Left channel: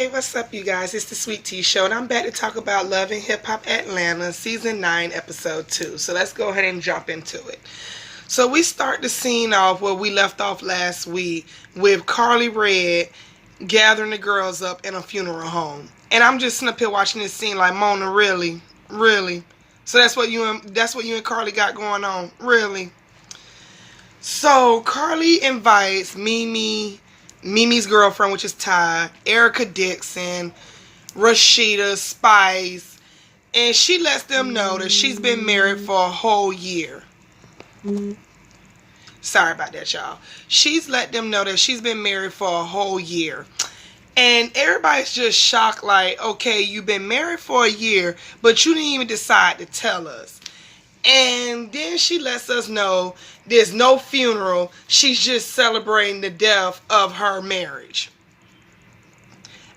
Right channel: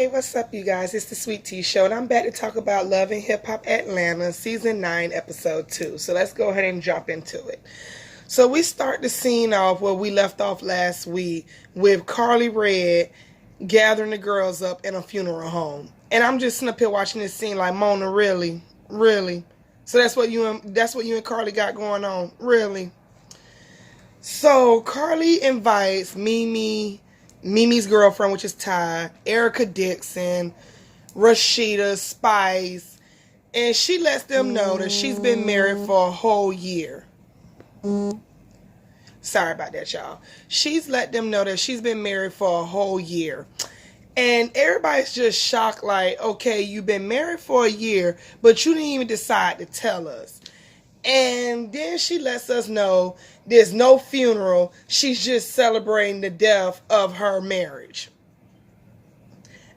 Hey, what's up, you guys? It's the Sweet Tea Show, and I'm back to talk about Love and Hip Hop Atlanta, Season 9, Episode 2. So let's go ahead and jump into it. So we start the scene off where we left off last week with Carly Red gathering the girls up in a funeral home. And I'm just sitting up here watching this scene like, Mona, really? Really? So that's what you and Carly got going on? Really? So Carly invites Mimi's girlfriend, which is Ty, Erica Dixon, Rashida, Spice, and she lets them know that she's been married for a whole year. Sorry about that, y'all. She's let them know that she's been married for a whole year. And everybody's just shocked, like, okay, you've been married for a year, but you didn't even decide to tell us. And then she lets us know there's no funeral. She's just celebrating the death of her marriage.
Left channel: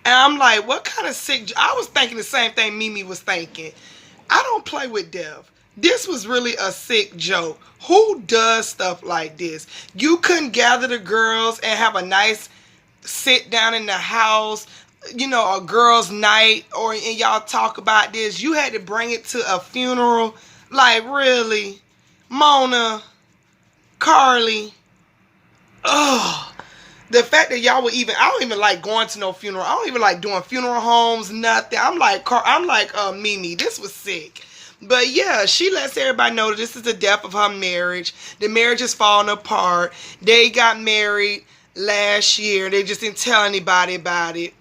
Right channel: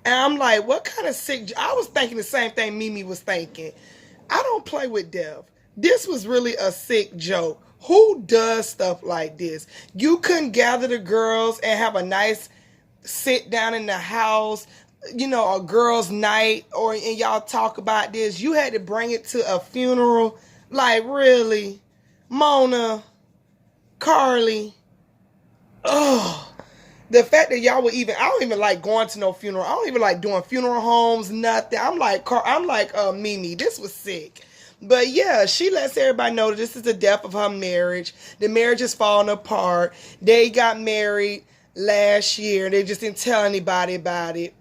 And I'm like, what kind of sick... I was thinking the same thing Mimi was thinking. I don't play with death. This was really a sick joke. Who does stuff like this? You couldn't gather the girls and have a nice sit down in the house, you know, a girls' night, and y'all talk about this. You had to bring it to a funeral. Like, really? Mona, Carly. Ugh. The fact that y'all would even... I don't even like going to no funeral. I don't even like doing funeral homes, nothing. I'm like Mimi. This was sick. But yeah, she lets everybody know that this is the death of her marriage. The marriage is falling apart. They got married last year. They just didn't tell anybody about it.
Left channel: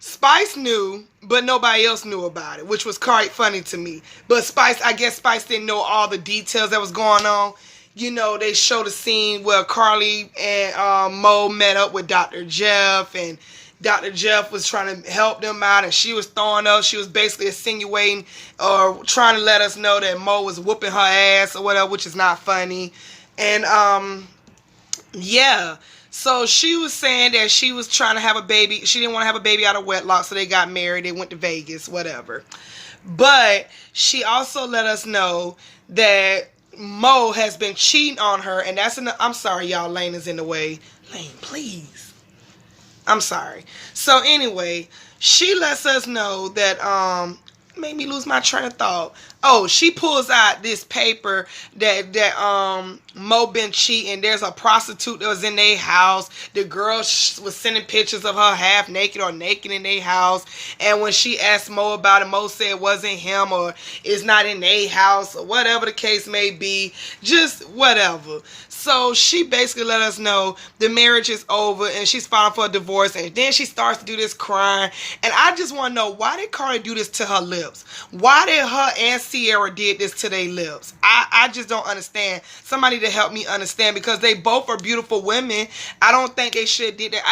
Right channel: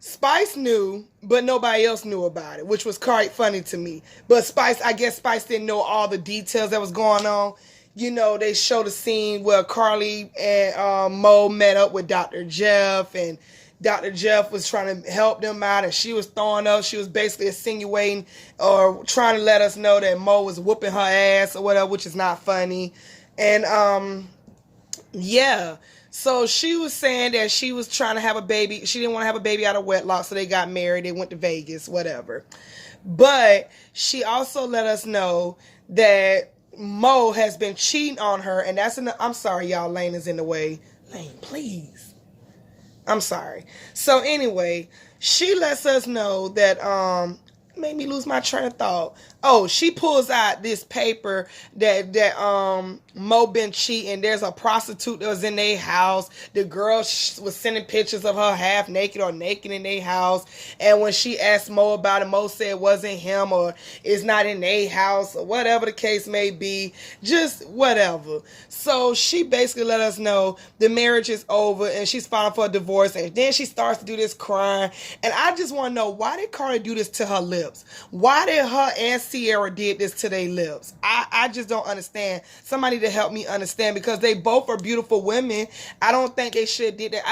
Spice knew, but nobody else knew about it, which was quite funny to me. But I guess Spice didn't know all the details that was going on. You know, they showed a scene where Carly and Mo met up with Dr. Jeff, and Dr. Jeff was trying to help them out, and she was throwing up. She was basically insinuating or trying to let us know that Mo was whooping her ass or whatever, which is not funny. And, yeah. So she was saying that she was trying to have a baby. She didn't want to have a baby out of wedlock, so they got married. They went to Vegas, whatever. But she also let us know that Mo has been cheating on her, and that's I'm sorry, y'all. Lane is in the way. Lane, please. I'm sorry. So anyway, she lets us know that made me lose my train of thought. Oh, she pulls out this paper that Mo been cheating. There's a prostitute that was in their house. The girl was sending pictures of her half naked or naked in their house. And when she asked Mo about it, Mo said it wasn't him or it's not in their house or whatever the case may be. Just whatever. So she basically let us know the marriage is over and she's filing for a divorce. And then she starts to do this crying. And I just want to know, why did Cardi do this to her lips? Why did her and Sierra did this to their lips? I just don't understand. Somebody to help me understand, because they both are beautiful women. I don't think they should did that.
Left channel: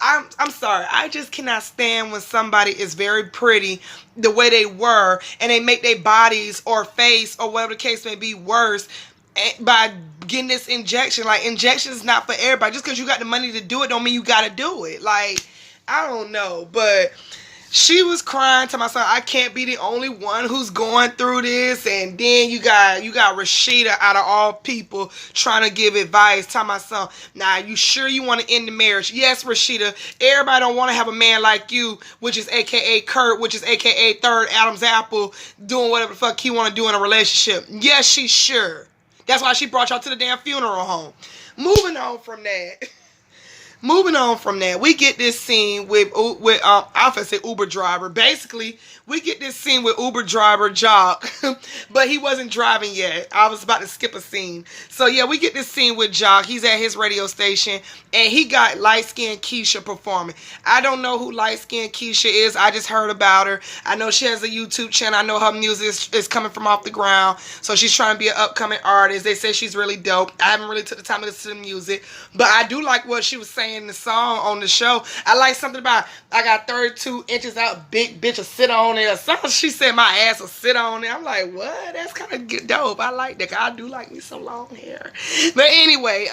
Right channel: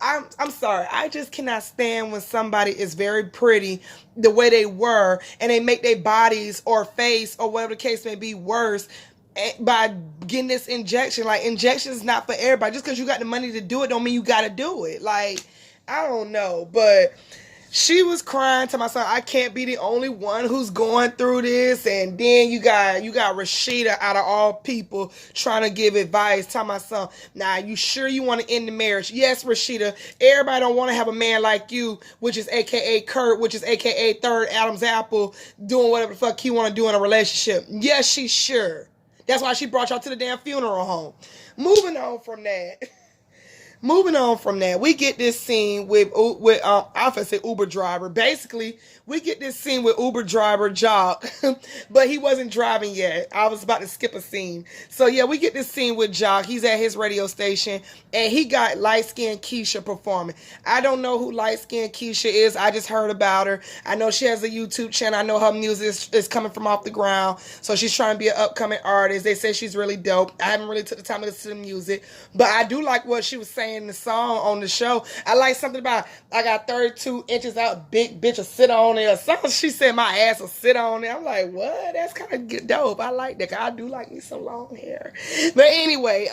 I'm sorry. I just cannot stand when somebody is very pretty the way they were and they make their bodies or face or whatever the case may be worse by getting this injection. Like, injection is not for everybody. Just because you got the money to do it don't mean you got to do it. Like, I don't know. But she was crying to my son, I can't be the only one who's going through this. And then you got Rashida, out of all people, trying to give advice to my son. Now, you sure you want to end the marriage? Yes, Rashida. Everybody don't want to have a man like you, which is AKA Kurt, which is AKA Third Adam's Apple, doing whatever the fuck he want to do in a relationship. Yes, she's sure. That's why she brought y'all to the damn funeral home. Moving on from that, we get this scene with I say Uber driver. Basically, we get this scene with Uber driver Jock, but he wasn't driving yet. I was about to skip a scene. So yeah, we get this scene with Jock. He's at his radio station, and he got light-skinned Keisha performing. I don't know who light-skinned Keisha is. I just heard about her. I know she has a YouTube channel. I know her music is coming from off the ground. So she's trying to be an upcoming artist. They say she's really dope. I haven't really took the time to listen to the music, but I do like what she was saying in the song on the show. I like something about, I got 32 inches out, big bitch will sit on it or something. She said my ass will sit on it. I'm like, what? That's kind of dope. I like that. I do like me some long hair. But anyway,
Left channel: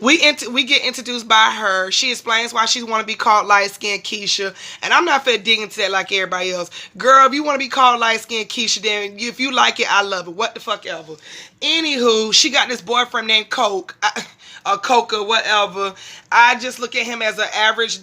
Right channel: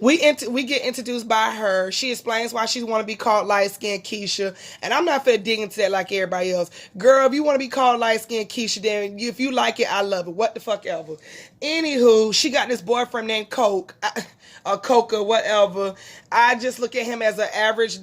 We get introduced by her. She explains why she want to be called light skinned Keisha, and I'm not finna dig into that like everybody else. Girl, if you want to be called light skinned Keisha, then if you like it, I love it. What the fuck ever. Anywho, she got this boyfriend named Coke, or Coca, whatever. I just look at him as an average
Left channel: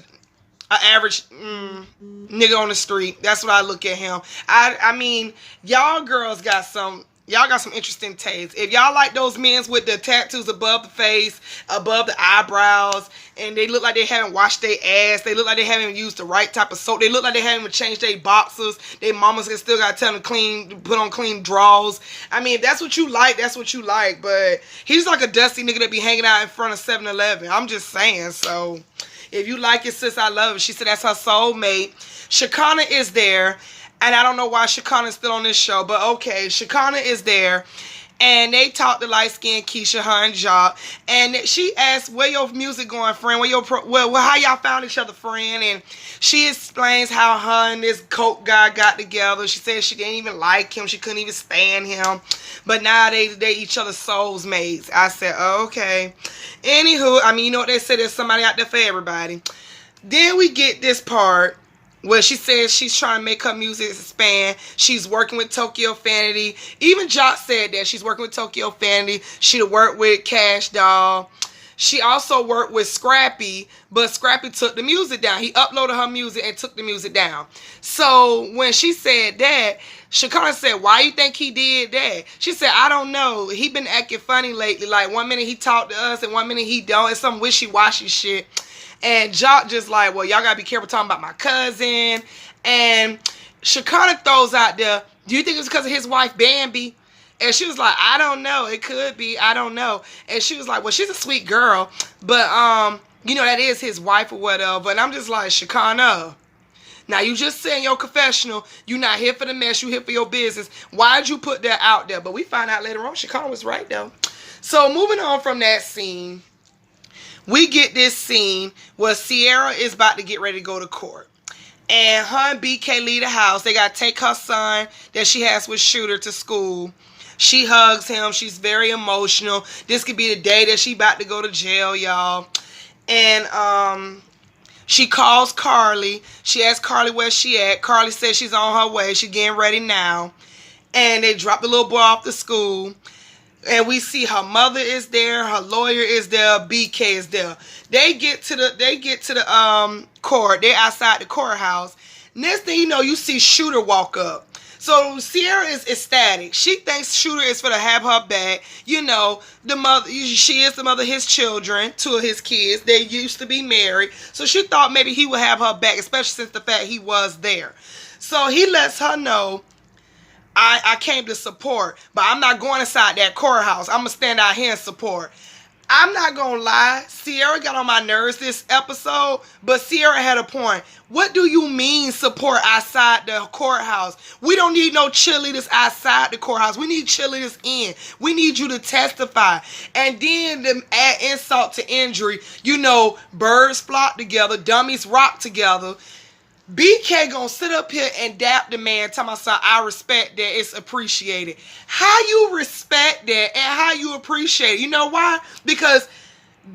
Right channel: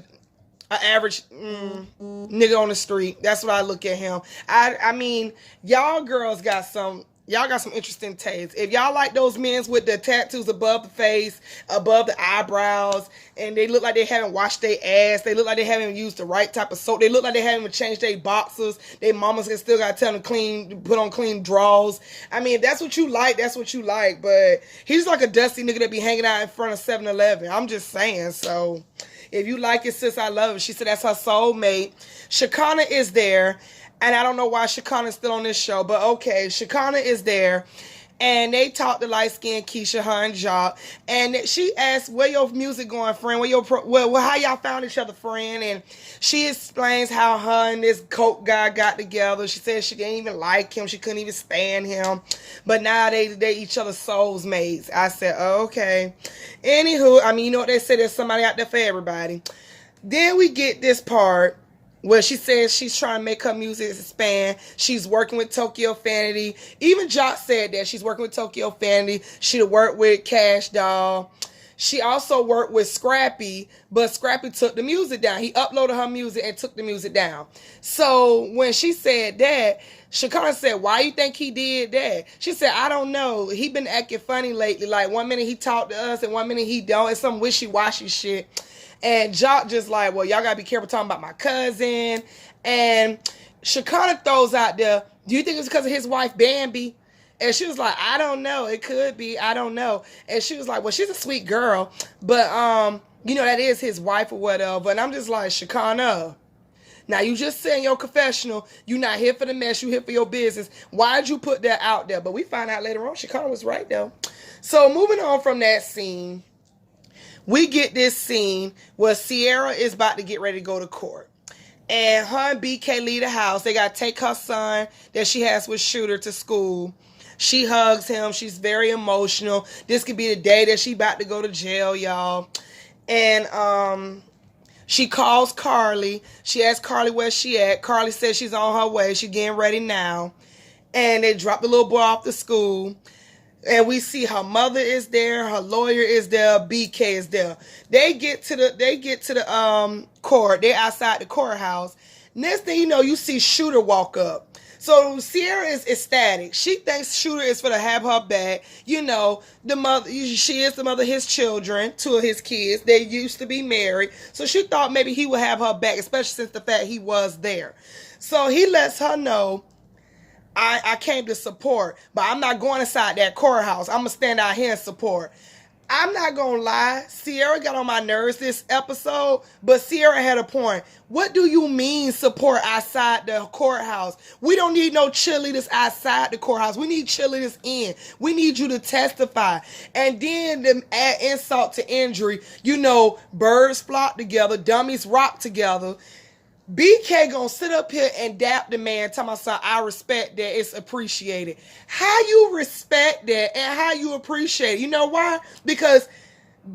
nigga on the street. That's what I look at him. I mean, y'all girls got some interesting tastes. If y'all like those men with the tattoos above the face, above the eyebrows, and they look like they haven't washed their ass, they look like they haven't used the right type of soap, they look like they haven't even changed their boxers, their mamas still got to tell them put on clean drawers. I mean, if that's what you like, that's what you like. But he's like a dusty nigga that be hanging out in front of 7-Eleven. I'm just saying. So if you like it, sis, I love it. She said that's her soulmate. Shekinah is there. And I don't know why Shekinah's still on this show, but okay, Shekinah is there. And they talked to light-skinned Keisha, her and Jock. And she asked, where your music going, friend? How y'all found each other, friend? And she explains how her and this Coke guy got together. She said she didn't even like him. She couldn't even stand him. But now they each other's souls mates. I said, oh, okay. Anywho, I mean, you know what they say, there's somebody out there for everybody. Then we get this part where she says she's trying to make her music expand. She's working with Tokyo Fantasy. Even Jock said that she's working with Tokyo Fantasy. She'd worked with Cash Doll. She also worked with Scrappy, but Scrappy took the music down. He uploaded her music and took the music down. So when she said that, Shekinah said, why you think he did that? She said, I don't know. He been acting funny lately. Like, one minute he talked to us and one minute he don't. It's some wishy-washy shit. And Jock just like, well, y'all gotta be careful talking about my cousin. And Shekinah throws out there, do you think it's because of his wife, Bambi? And she was like, I don't know. It could be. I don't know. And she was like, well, she's a sweet girl. But, you know, that is his wife or whatever. And I'm just like, Shekinah, now you just said in your confessional, you not here for the mess, you here for your business. Why'd you put that out there? But we find out later on, Shekinah was right, though. So moving on from that scene, we get this scene where Sierra is about to get ready to go to court. And her and BK leave the house. They got to take her son that she has with Shooter to school. She hugs him. She's very emotional. This could be the day that she about to go to jail, y'all. And she calls Carly. She asks Carly where she at. Carly says she's on her way. She's getting ready now. And they drop the little boy off to school. And we see her mother is there, her lawyer is there, BK is there. They get to the court. They're outside the courthouse. Next thing you know, you see Shooter walk up. So Sierra is ecstatic. She thinks Shooter is for to have her back. You know, the mother. She is the mother of his children, 2 of his kids. They used to be married. So she thought maybe he would have her back, especially since the fact he was there. So he lets her know, I came to support, but I'm not going inside that courthouse. I'm going to stand out here and support. I'm not going to lie. Sierra got on my nerves this episode, but Sierra had a point. What do you mean support outside the courthouse? We don't need no cheerleaders outside the courthouse. We need cheerleaders in. We need you to testify. And then to add insult to injury, you know, birds flock together, dummies rock together. BK gonna sit up here and dap the man, tell my son, I respect that, it's appreciated. How you respect that and how you appreciate it? You know why? Because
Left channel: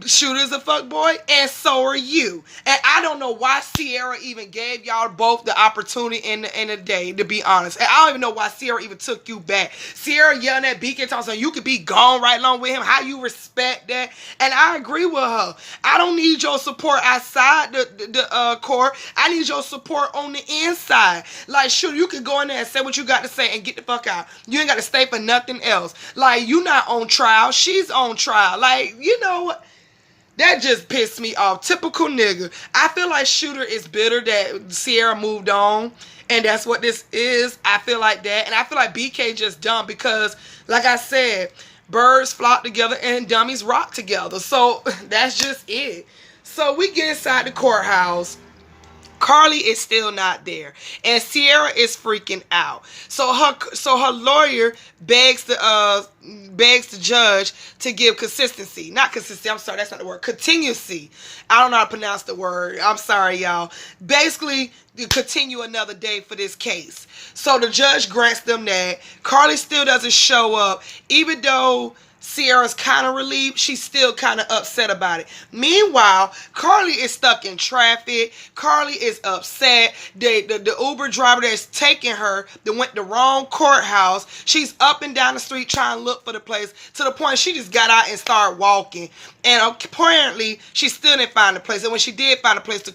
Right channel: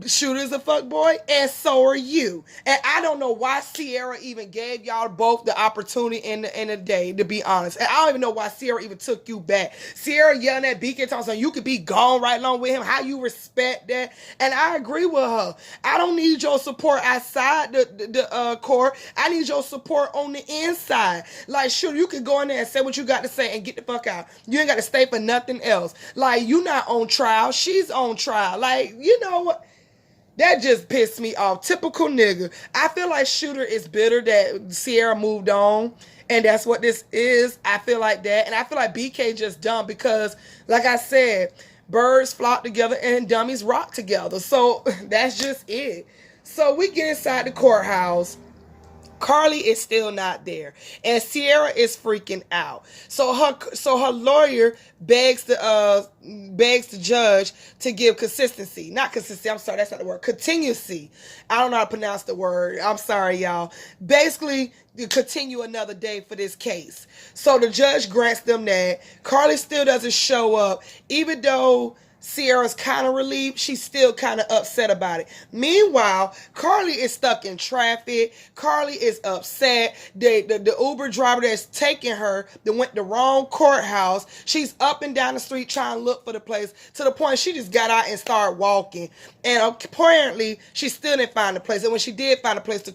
Shooter's a fuckboy and so are you. And I don't know why Sierra even gave y'all both the opportunity in the day, to be honest. And I don't even know why Sierra even took you back. Sierra yelling at BK, talking, so you could be gone right along with him. How you respect that? And I agree with her. I don't need your support outside the court. I need your support on the inside. Like, sure, you can go in there and say what you got to say and get the fuck out. You ain't got to stay for nothing else. Like, you not on trial. She's on trial. Like, you know what? That just pissed me off. Typical nigga. I feel like Shooter is bitter that Sierra moved on. And that's what this is. I feel like that. And I feel like BK just dumb because, like I said, birds flock together and dummies rock together. So that's just it. So we get inside the courthouse. Carly is still not there, and Sierra is freaking out. So her lawyer begs the judge to give consistency. Not consistency, I'm sorry, that's not the word. Continuity. I don't know how to pronounce the word. I'm sorry, y'all. Basically, to continue another day for this case. So the judge grants them that. Carly still doesn't show up, even though Sierra's kind of relieved. She's still kind of upset about it. Meanwhile, Carly is stuck in traffic. Carly is upset. The Uber driver that's taking her that went the wrong courthouse. She's up and down the street trying to look for the place to the point she just got out and started walking. And apparently, she still didn't find the place. And when she did find the place, the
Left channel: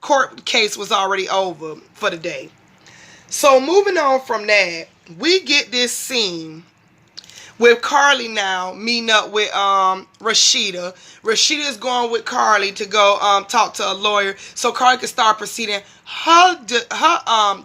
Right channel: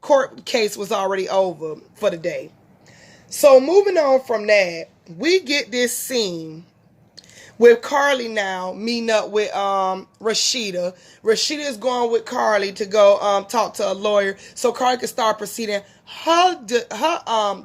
court case was already over for the day. So moving on from that, we get this scene with Carly now meeting up with Rashida. Rashida is going with Carly to go talk to a lawyer so Carly can start proceeding her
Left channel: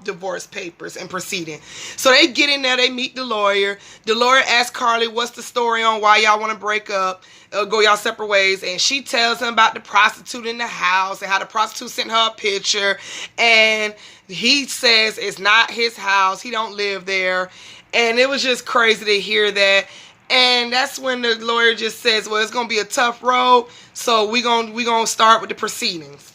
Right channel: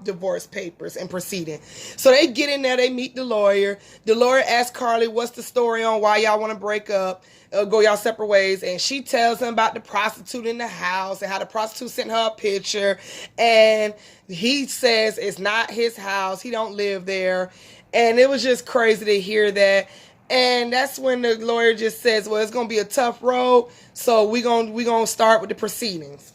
divorce papers and proceeding. So they get in there, they meet the lawyer. The lawyer asks Carly, what's the story on why y'all want to break up, go y'all separate ways, and she tells him about the prostitute in the house and how the prostitute sent her a picture, and he says it's not his house, he don't live there. And it was just crazy to hear that. And that's when the lawyer just says, well, it's going to be a tough road, so we're gonna start with the proceedings.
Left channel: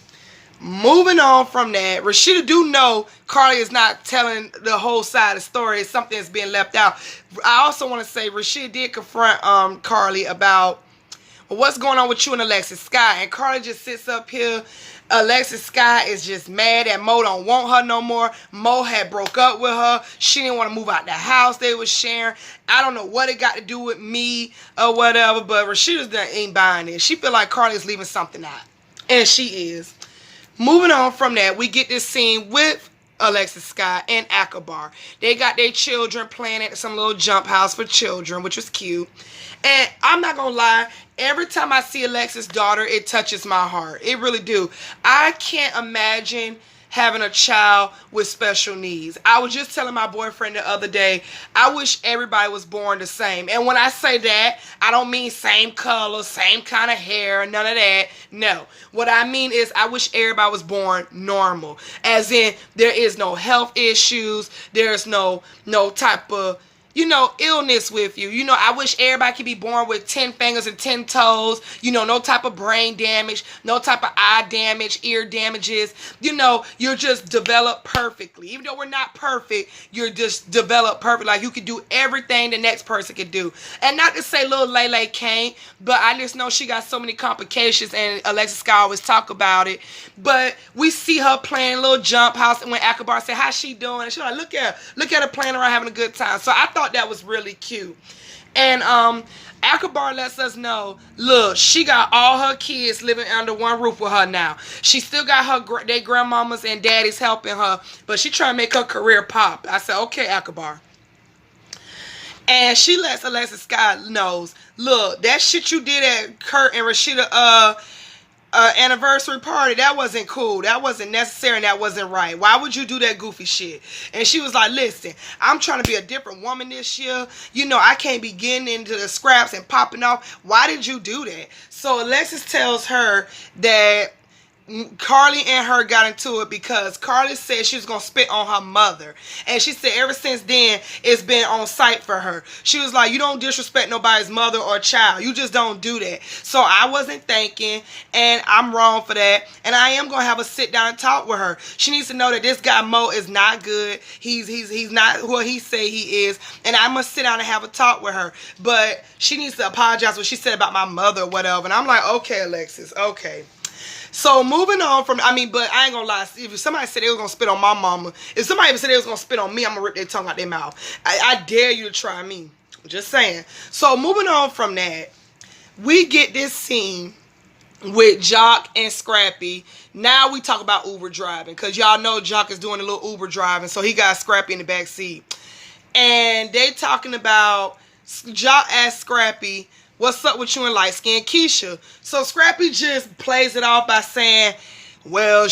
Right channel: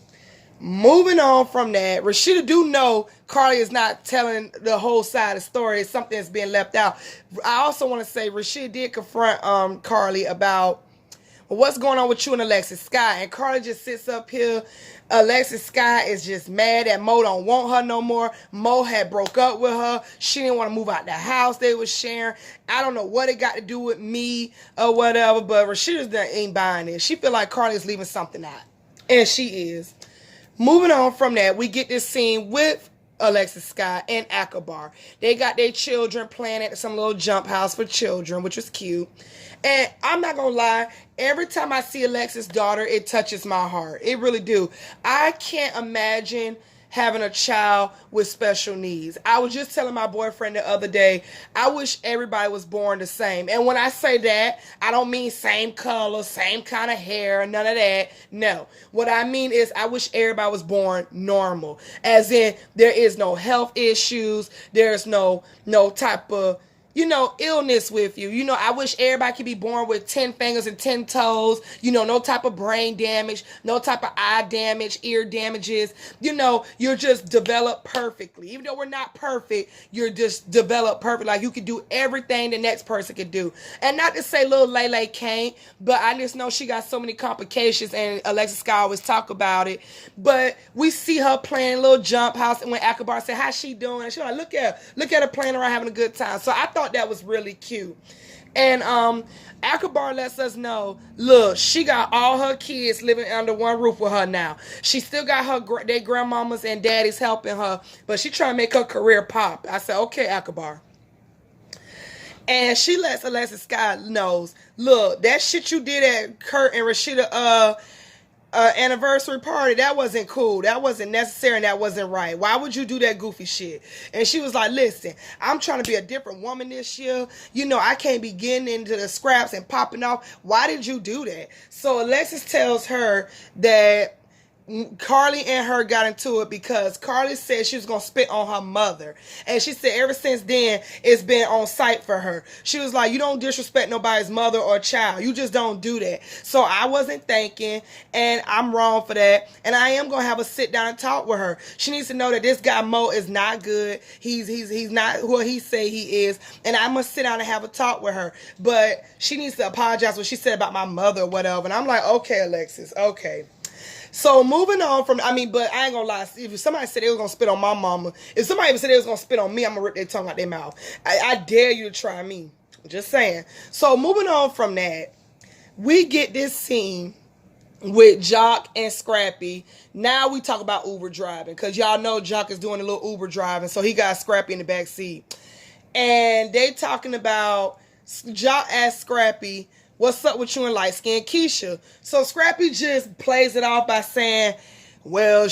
Moving on from that, Rashida do know Carly is not telling the whole side of the story. It's something that's being left out. I also want to say Rashida did confront Carly about, well, what's going on with you and Alexis Sky? And Carly just sits up here. Alexis Sky is just mad that Mo don't want her no more. Mo had broke up with her. She didn't want to move out the house they was sharing. I don't know what it got to do with me or whatever, but Rashida ain't buying it. She feel like Carly's leaving something out. And she is. Moving on from that, we get this scene with Alexis Sky and Akbar. They got their children playing at some little jump house for children, which was cute. And I'm not gonna lie, every time I see Alexis' daughter, it touches my heart. It really do. I can't imagine having a child with special needs. I was just telling my boyfriend the other day, I wish everybody was born the same. And when I say that, I don't mean same color, same kind of hair, none of that. No. What I mean is I wish everybody was born normal. As in, there is no health issues, there's no type of illness with you. I wish everybody could be born with 10 fingers and 10 toes. No type of brain damage, no type of eye damage, ear damages. You're just developed perfectly. Even though we're not perfect, you're just developed perfect. Like you can do everything the next person can do. And not to say little Lele can't, but I just know she got so many complications, and Alexis Sky always talk about it. But we see her playing a little jump house, and when Akbar said, how's she doing? And she's like, look at her playing around having a good time. So I thought that was really cute. And Akbar lets us know, look, she got all her kids living under one roof with her now. She still got their grandmamas and daddies helping her, but she trying to make her career pop. I said, okay, Akbar. And she lets Alexis Sky knows, look, that shit you did at Kurt and Rashida anniversary party, that wasn't cool, that wasn't necessary, and that wasn't right. Why would you do that goofy shit? And she was like, listen, I'm trying to be a different woman this year. I can't be getting into the scraps and popping off. Why did you do that? So Alexis tells her that Carly and her got into it because Carly said she was going to spit on her mother. And she said ever since then, it's been on sight for her. She was like, you don't disrespect nobody's mother or child. You just don't do that. So I wasn't thinking, and I'm wrong for that. And I am going to have a sit down and talk with her. She needs to know that this guy Mo is not good. He's not who he say he is. And I must sit down and have a talk with her. But she needs to apologize for what she said about my mother or whatever. And I'm like, okay, Alexis, okay. So moving on from, but I ain't gonna lie, if somebody said they was gonna spit on my mama, if somebody even said they was gonna spit on me, I'm gonna rip their tongue out their mouth. I dare you to try me. Just saying. So moving on from that, we get this scene with Jock and Scrappy. Now we talk about Uber driving, because y'all know Jock is doing a little Uber driving, so he got Scrappy in the back seat. And they talking about, Jock asked Scrappy, what's up with you and light-skinned Keisha? So Scrappy just plays it off by saying, well,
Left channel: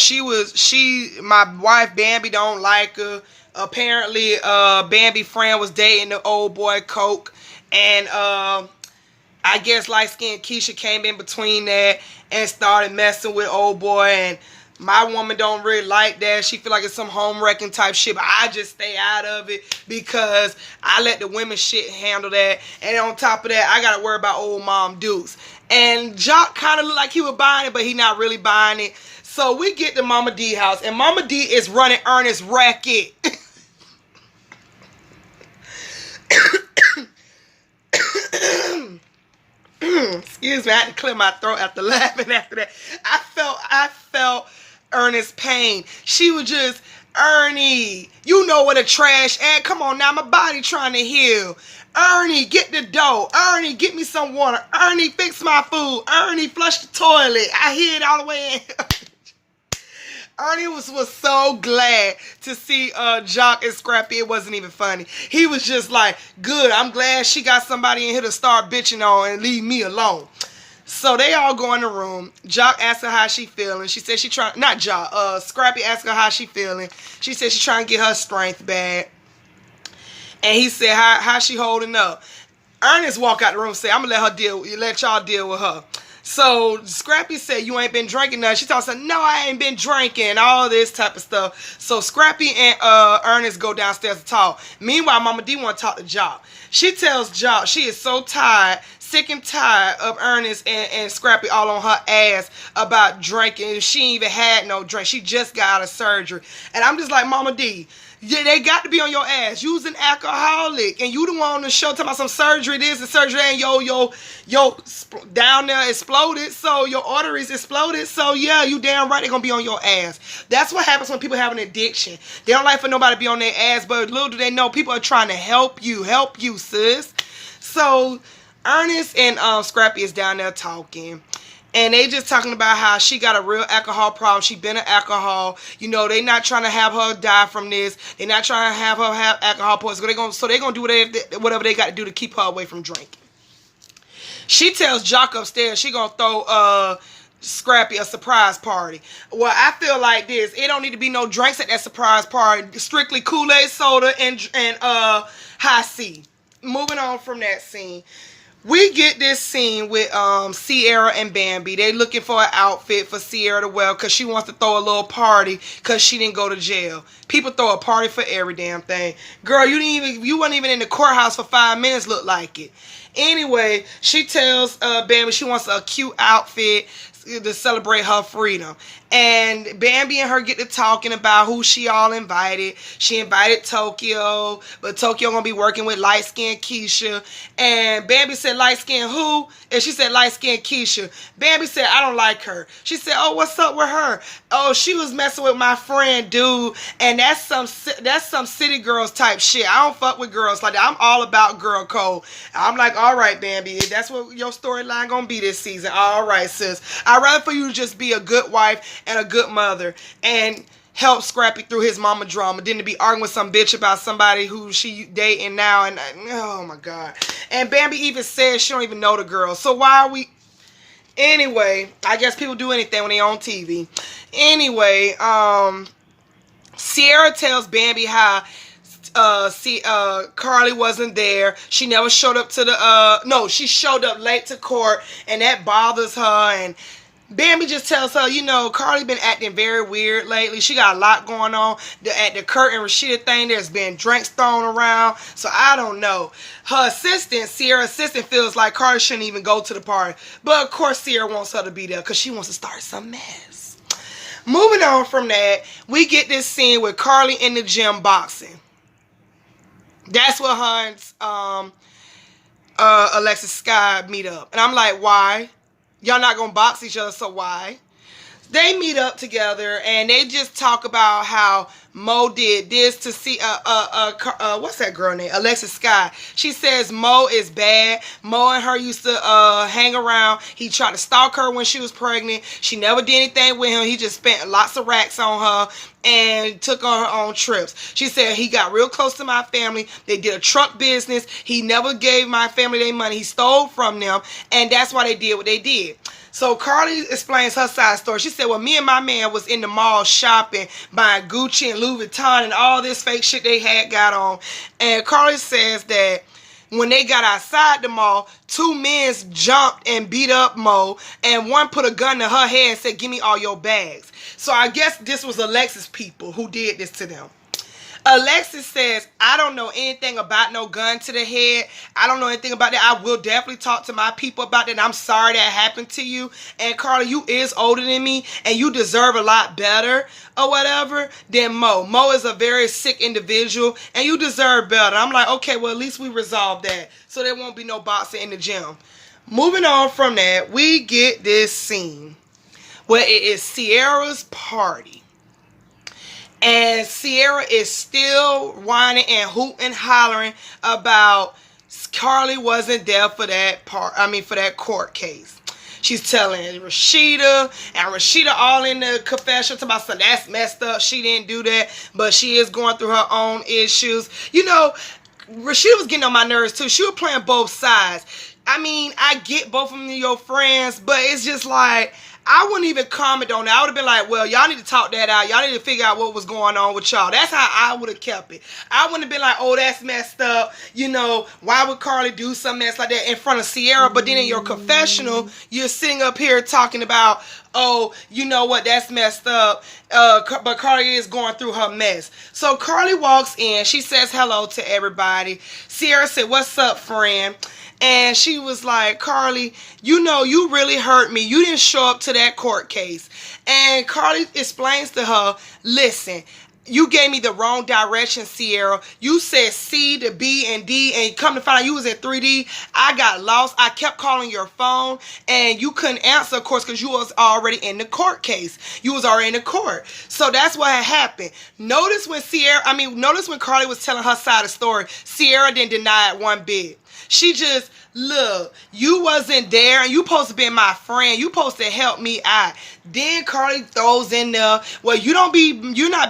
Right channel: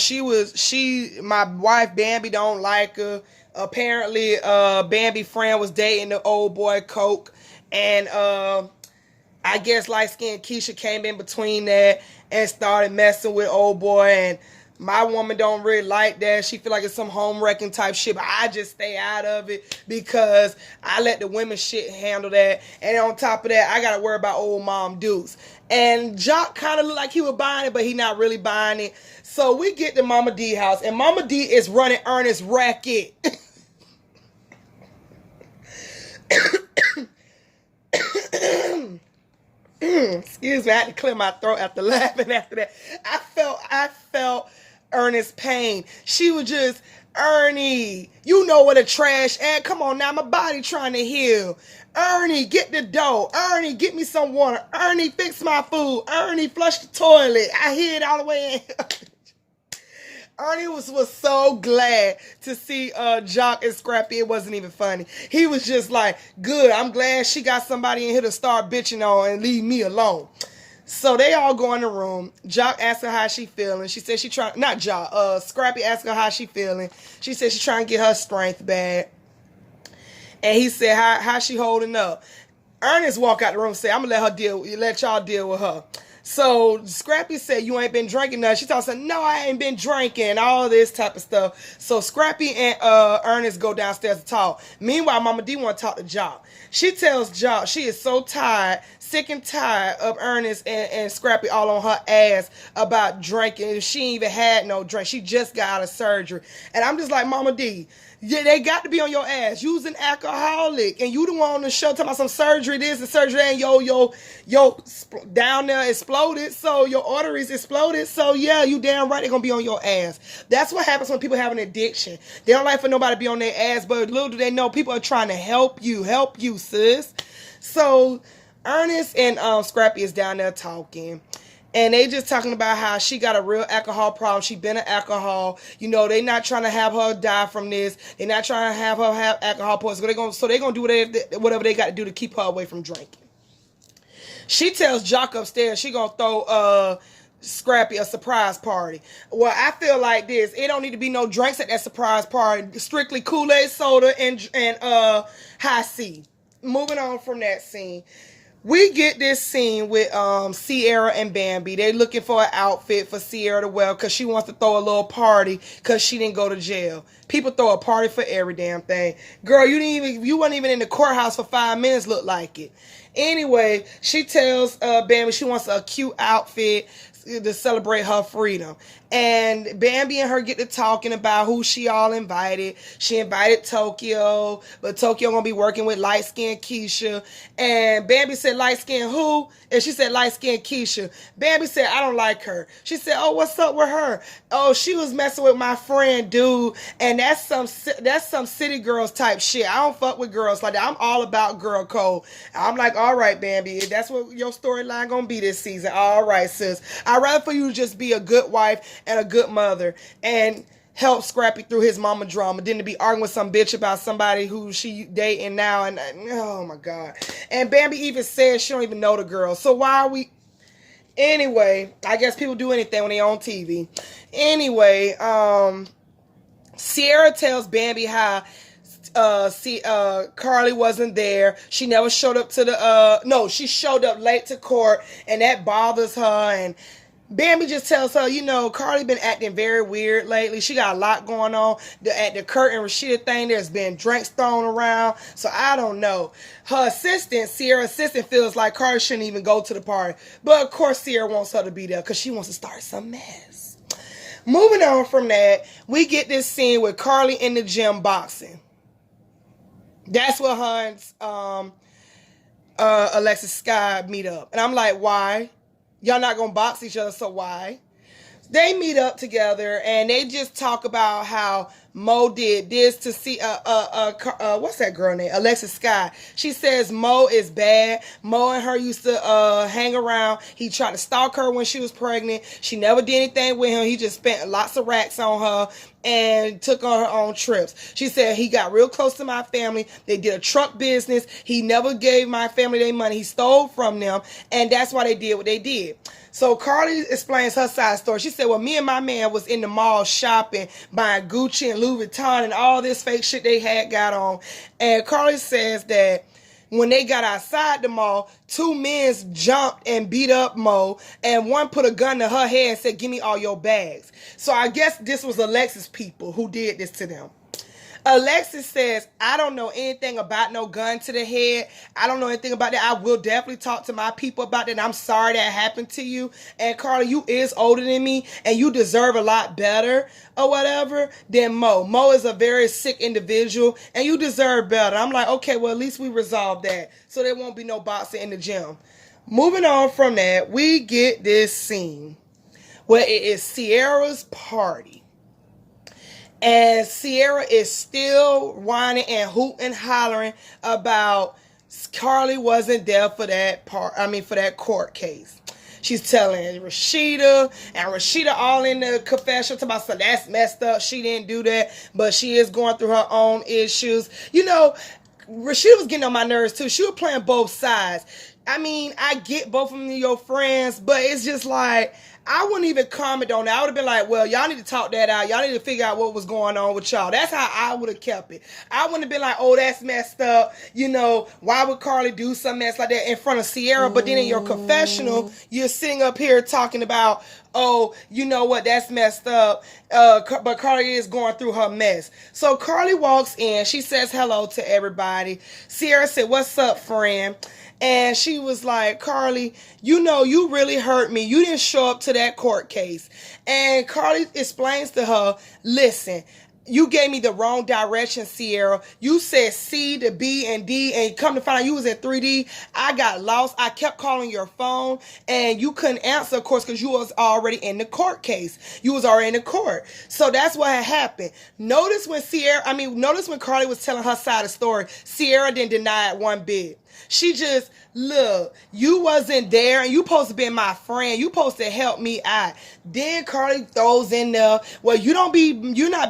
my wife Bambi don't like her. Apparently, Bambi's friend was dating the old boy Coke. And I guess light-skinned Keisha came in between that and started messing with old boy. And my woman don't really like that. She feel like it's some home wrecking type shit, but I just stay out of it because I let the women shit handle that. And on top of that, I gotta worry about old mom Dukes. And Jock kind of looked like he was buying it, but he not really buying it. So we get to Mama D house, and Mama D is running Ernest racket. excuse me, I had to clear my throat after laughing after that. I felt Ernest's pain. She was just, Ernie, you know what a trash ad. Come on now, my body trying to heal. Ernie, get the dough. Ernie, get me some water. Ernie, fix my food. Ernie, flush the toilet. I hear it all the way in. Ernie was so glad to see Jock and Scrappy. It wasn't even funny. He was just like, good, I'm glad she got somebody in here to start bitching on and leave me alone. So they all go in the room. Jock asked her how she feeling. She said she trying, not Jock, Scrappy asked her how she feeling. She said she trying to get her strength back. And he said, how she holding up? Ernest walked out the room and said, I'm going to let y'all deal with her. So Scrappy said, you ain't been drinking nothing. She told him, no, I ain't been drinking, all this type of stuff. So Scrappy and Ernest go downstairs to talk. Meanwhile, Mama D want to talk to Jock. She tells Jock she is so tired, sick and tired of Ernest and Scrappy all on her ass about drinking. She ain't even had no drink. She just got out of surgery. And I'm just like, Mama D, yeah, they got to be on your ass. You's an alcoholic, and you the one on the show talking about some surgery this and surgery that, and yo down there exploded, so your arteries exploded. So yeah, you damn right they're gonna be on your ass. That's what happens when people have an addiction. They don't like for nobody to be on their ass, but little do they know people are trying to help you, sis. So Ernest and Scrappy is down there talking. And they just talking about how she got a real alcohol problem. She been an alcohol. You know, they not trying to have her die from this. They not trying to have her have alcohol poisoning. So they gonna do whatever they got to do to keep her away from drinking. She tells Jock upstairs she gonna throw Scrappy a surprise party. Well, I feel like this. It don't need to be no drinks at that surprise party. Strictly Kool-Aid soda and High C. Moving on from that scene. We get this scene with Sierra and Bambi. They looking for an outfit for Sierra to wear because she wants to throw a little party because she didn't go to jail. People throw a party for every damn thing. Girl, you weren't even in the courthouse for 5 minutes, look like it. Anyway, she tells Bambi she wants a cute outfit to celebrate her freedom. And Bambi and her get to talking about who she all invited. She invited Tokyo, but Tokyo gonna be working with light-skinned Keisha. And Bambi said, light-skinned who? And she said, light-skinned Keisha. Bambi said, I don't like her. She said, oh, what's up with her? Oh, she was messing with my friend, dude. And that's some city girls type shit. I don't fuck with girls like that. I'm all about girl code. I'm like, all right, Bambi, that's what your storyline gonna be this season. All right, sis. I'd rather for you to just be a good wife and a good mother and help Scrappy through his mama drama than to be arguing with some bitch about somebody who she dating now. And oh my God. And Bambi even says she don't even know the girl. So why are we... Anyway, I guess people do anything when they on TV. Anyway, Sierra tells Bambi how Carly wasn't there. She never showed up to the no, she showed up late to court, and that bothers her. And Bambi just tells her, you know, Carly been acting very weird lately. She got a lot going on. At the Kurt and Rashida thing, there's been drinks thrown around. So I don't know. Her assistant, Sierra's assistant, feels like Carly shouldn't even go to the party. But of course Sierra wants her to be there because she wants to start some mess. Moving on from that, we get this scene with Carly in the gym boxing. That's where her and Alexis Sky meet up. And I'm like, why? Y'all not gonna box each other, so why? They meet up together and they just talk about how Mo did this to see what's that girl name? Alexis Sky. She says Mo is bad. Mo and her used to hang around. He tried to stalk her when she was pregnant. She never did anything with him. He just spent lots of racks on her and took on her own trips. She said he got real close to my family. They did a truck business. He never gave my family their money. He stole from them, and that's why they did what they did. So Carly explains her side story. She said, well, me and my man was in the mall shopping, buying Gucci and Louis Vuitton and all this fake shit they had got on. And Carly says that when they got outside the mall, 2 men jumped and beat up Mo, and one put a gun to her head and said, give me all your bags. So I guess this was Alexis people who did this to them. Alexis says, I don't know anything about no gun to the head. I don't know anything about that. I will definitely talk to my people about that. And I'm sorry that happened to you. And Carly, you is older than me, and you deserve a lot better or whatever than Mo. Mo is a very sick individual, and you deserve better. I'm like, okay, well, at least we resolved that. So there won't be no boxing in the gym. Moving on from that, we get this scene where it is Ciara's party. And Ciara is still whining and hooting and hollering about Carly wasn't there for that for that court case. She's telling Rashida, and Rashida all in the confession about so that's messed up. She didn't do that, but she is going through her own issues. You know, Rashida was getting on my nerves too. She was playing both sides. I mean, I get both of them your friends, but it's just like, I wouldn't even comment on that. I would have been like, well, y'all need to talk that out. Y'all need to figure out what was going on with y'all. That's how I would have kept it. I wouldn't have been like, oh, that's messed up. You know, why would Carly do something mess like that in front of Ciara? But then in your confessional, you're sitting up here talking about, oh, you know what, that's messed up. But Carly is going through her mess. So Carly walks in. She says hello to everybody. Ciara said, what's up, friend? And she was like, Carly, you know, you really hurt me. You didn't show up to that court case. And Carly explains to her, listen, you gave me the wrong direction, Ciara. You said C to B and D, and come to find out you was at 3D. I got lost. I kept calling your phone, and you couldn't answer, of course, because you was already in the court case. You was already in the court. So that's what had happened. Notice when Carly was telling her side of the story, Ciara didn't deny it one bit. She just, look, you wasn't there, and you supposed to be my friend. You supposed to help me out. Then Carly throws in there, well, you're not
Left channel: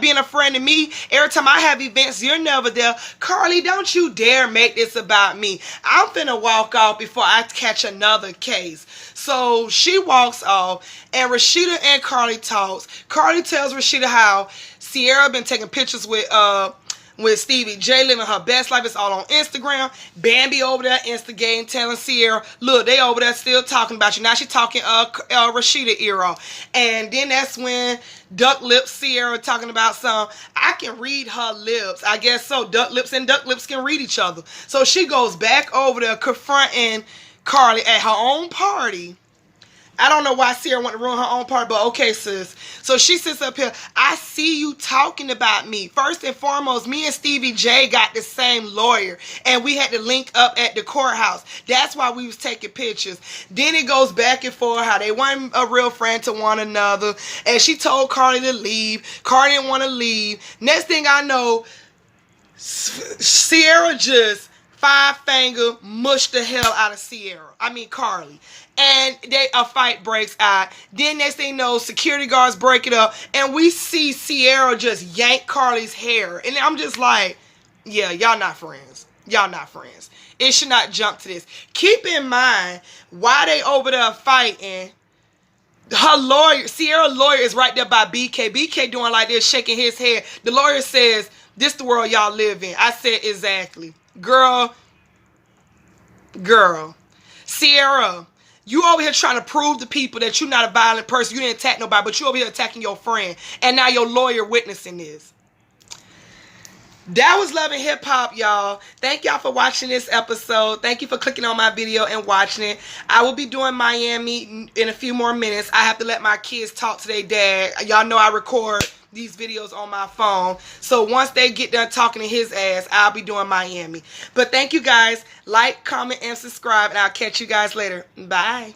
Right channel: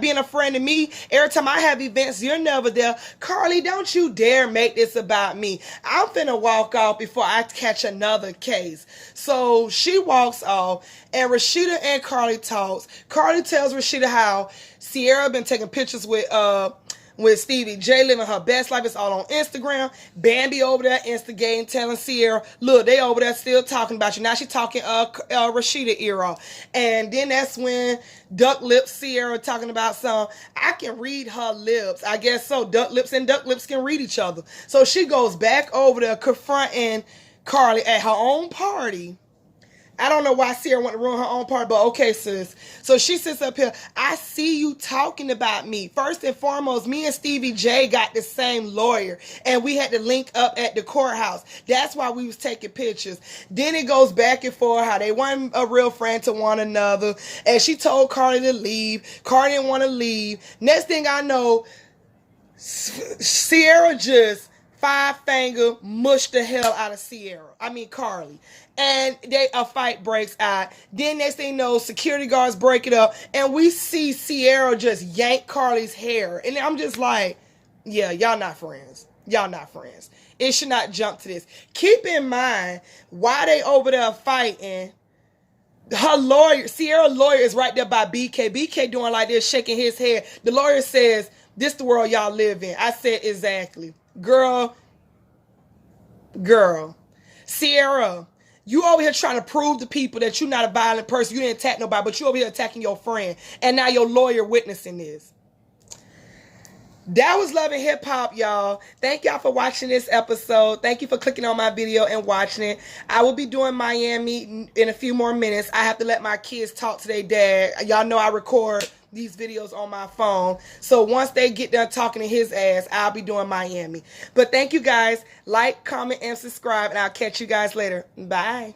being a friend to me. Every time I have events, you're never there. Carly, don't you dare make this about me. I'm finna walk off before I catch another case. So she walks off, and Rashida and Carly talks. Carly tells Rashida how Ciara been taking pictures with Stevie J, living her best life. It's all on Instagram. Bambi over there instigating, telling Ciara, look, they over there still talking about you. Now she talking Rashida era. And then that's when Duck Lips Ciara talking about I can read her lips. I guess so. Duck Lips and Duck Lips can read each other. So she goes back over there confronting Carly at her own party. I don't know why Ciara wanted to ruin her own part, but okay, sis. So she sits up here. I see you talking about me. First and foremost, me and Stevie J got the same lawyer, and we had to link up at the courthouse. That's why we was taking pictures. Then it goes back and forth how they weren't a real friend to one another, and she told Carly to leave. Carly didn't want to leave. Next thing I know, Ciara just five-finger mushed the hell out of Carly. And a fight breaks out. Then next thing you know, security guards break it up, and we see Ciara just yank Carly's hair. And I'm just like, yeah, y'all not friends. Y'all not friends. It should not jump to this. Keep in mind, why they over there fighting, her lawyer, Ciara's lawyer is right there by BK. BK doing like this, shaking his head. The lawyer says, this the world y'all live in. I said, exactly. Girl, Ciara, you over here trying to prove to people that you're not a violent person. You didn't attack nobody, but you over here attacking your friend. And now your lawyer witnessing this. That was Love and Hip Hop, y'all. Thank y'all for watching this episode. Thank you for clicking on my video and watching it. I will be doing Miami in a few more minutes. I have to let my kids talk to their dad. Y'all know I record these videos on my phone. So once they get done talking to his ass, I'll be doing Miami. But thank you guys. Like, comment, and subscribe, and I'll catch you guys later. Bye.